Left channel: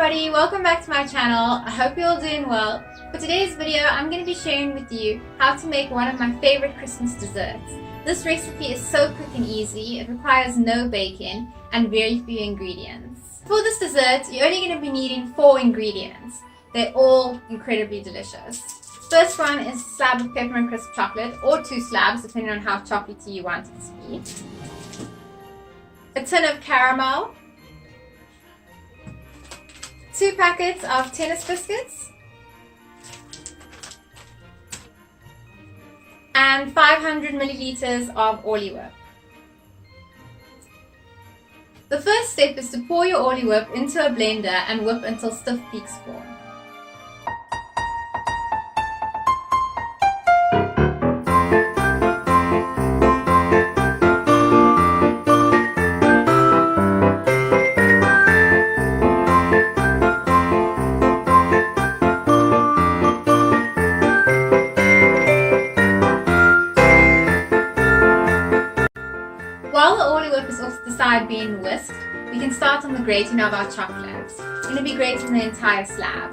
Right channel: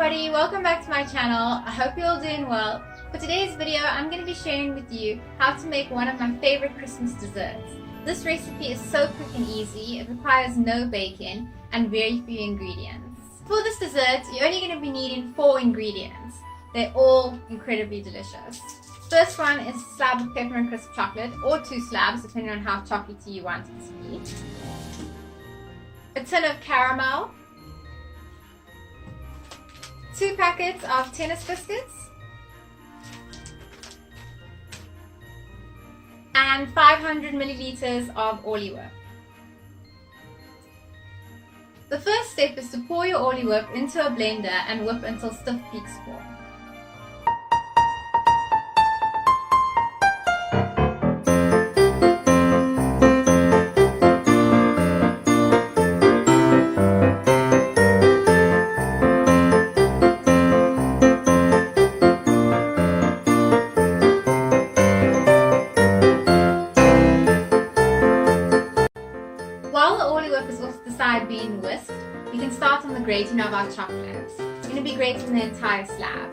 everybody, welcome back to my channel. I hope you're all doing well. For today's video, I'm going to be sharing with you how to make one of my favorite Christmas desserts. This recipe is so quick and easy, it requires no baking and very few ingredients. For this dessert, you're only going to be needing 4 ingredients. They're all incredibly delicious. First one is a slab of peppermint crisp chocolate, or 2 slabs depending on how chocolatey you want it to be. A tin of caramel, 2 packets of tennis biscuits, and 500 milliliters of Orly whip. The first step is to pour your Orly whip into a blender and whip until stiff peaks form. While the Orly whip is off to the side being whisked, we can start on the grating of our chocolates. We're going to be grating the entire slab.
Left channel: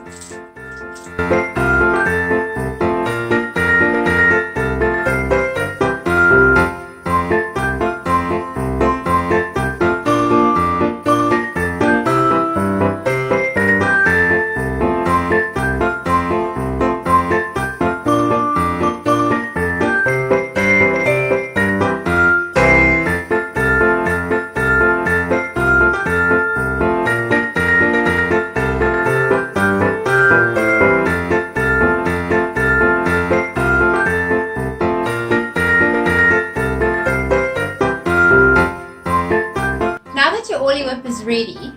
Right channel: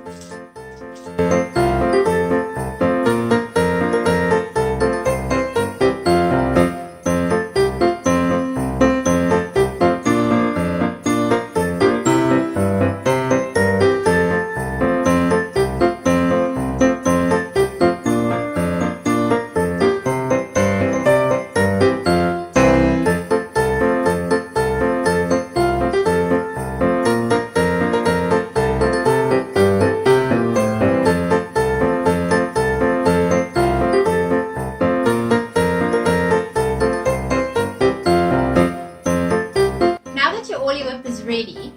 Now that your Orly whip is ready,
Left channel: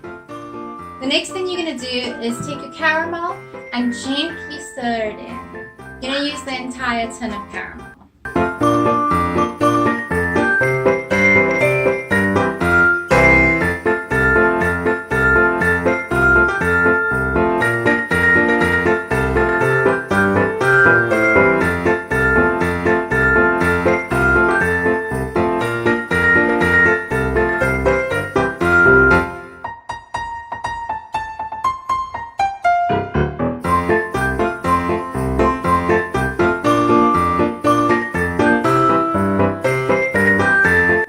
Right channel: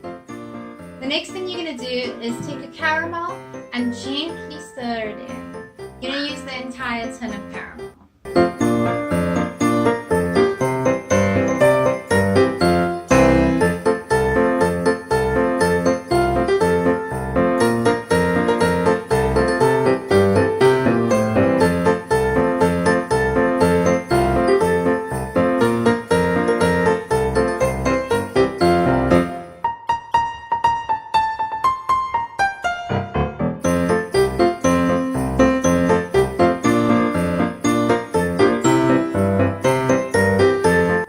the next thing you're going to do is take your caramel and gently stir it in. You're going to use the entire tin of caramel.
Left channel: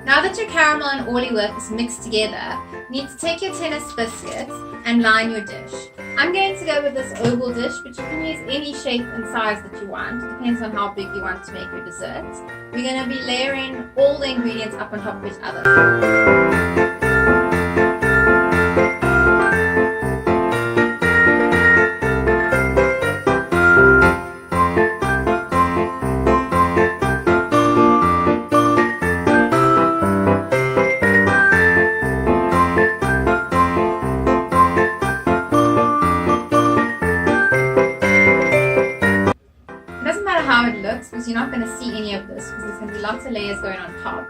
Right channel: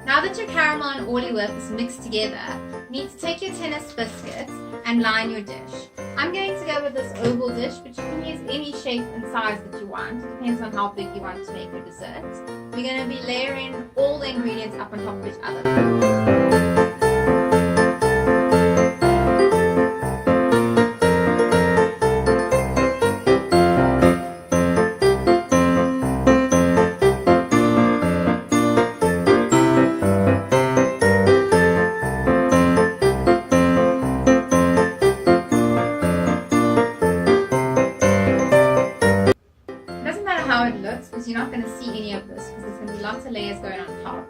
Now that your caramel and Orly whip is mixed together, you need to take your tennis biscuits and line your dish. I'm going to go with this oval dish, but you can use any shape and size that you want. It depends on how big you want to make your dessert. We're going to be layering all the ingredients up on top of each other. How it looks, because you're not going to see any of this because there's going to be lots of layers going on top,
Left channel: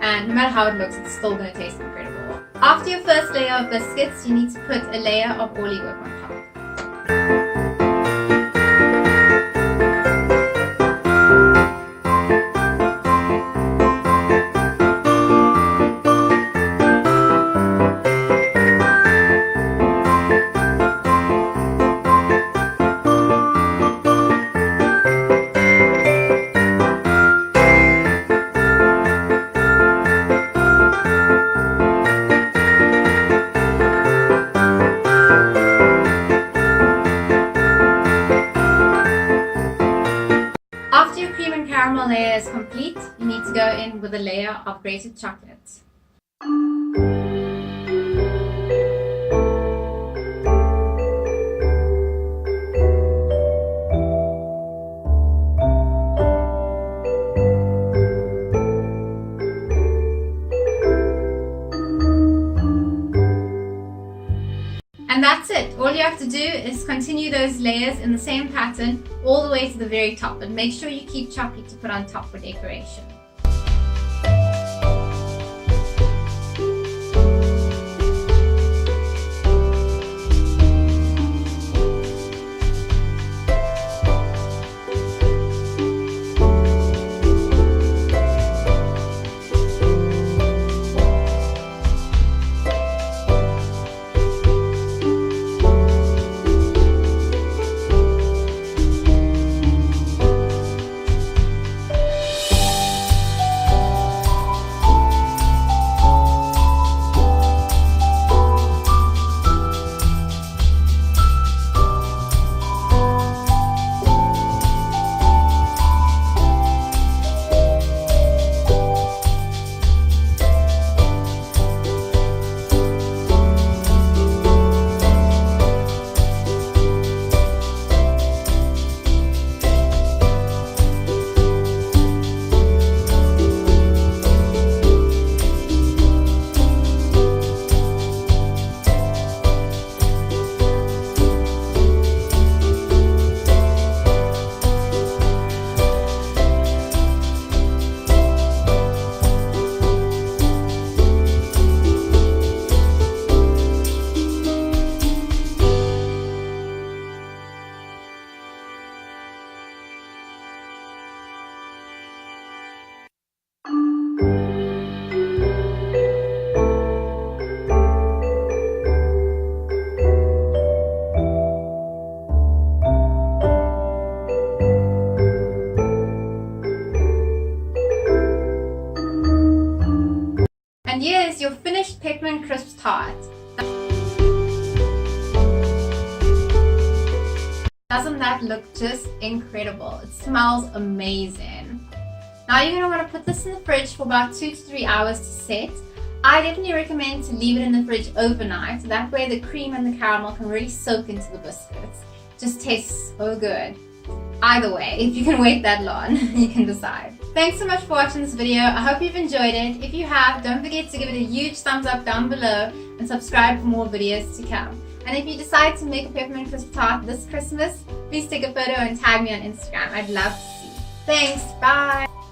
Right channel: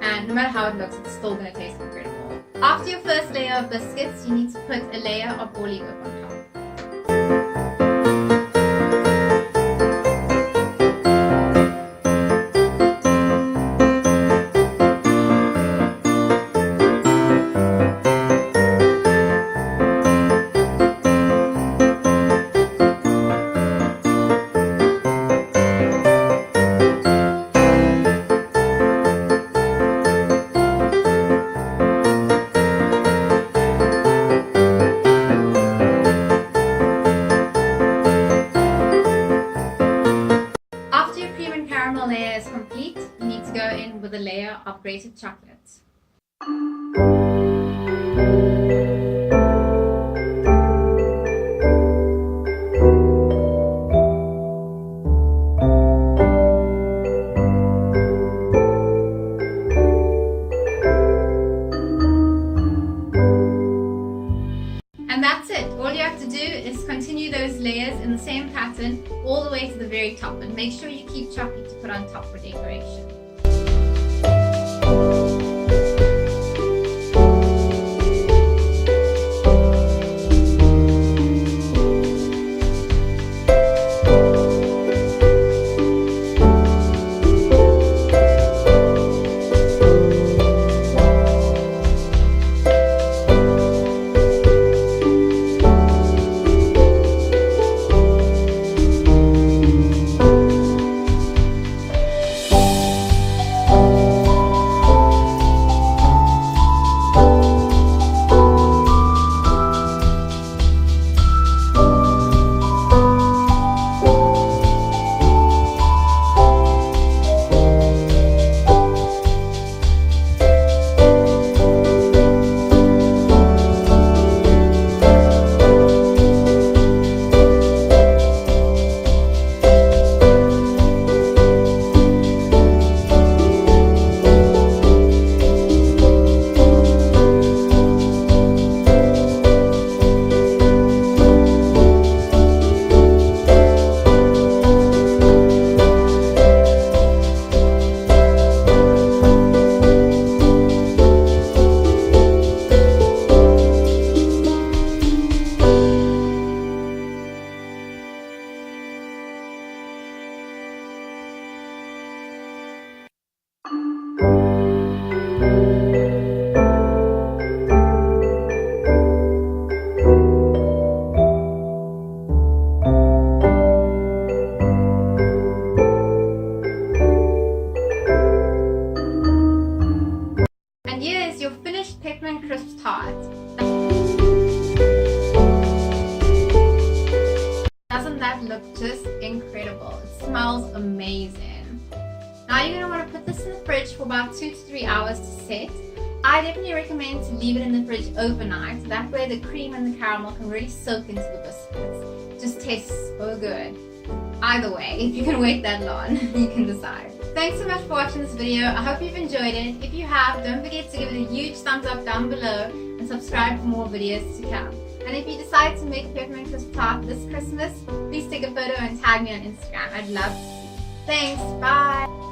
and no matter how it looks, it's still going to taste incredible. After your first layer of biscuits, you need to put a layer of Orly whip on top. After your cream and caramel layer is complete, you need to go in with a layer of grated chocolate. And that's it. All you have to do is continue those layers in the same pattern all the way to the very top, and make sure you keep chocolate to put on top for decoration. Peppermint Crisp Tart. Doesn't that look just incredible? It smells amazing. Now you're going to want to put this in the fridge for about 2 to 3 hours to set. I definitely recommend to leave it in the fridge overnight. That way the cream and the caramel can really soak into the biscuits. It just tastes so good. Either way, if you can wait that long, you can decide. Thanks so much for watching this video. I hope you've enjoyed it. If you have, don't forget to give it a huge thumbs up down below and subscribe for more videos to come. And if you decide to make a peppermint crisp tart this Christmas, please take a photo and tag me on Instagram. I'd love to see. Thanks, bye!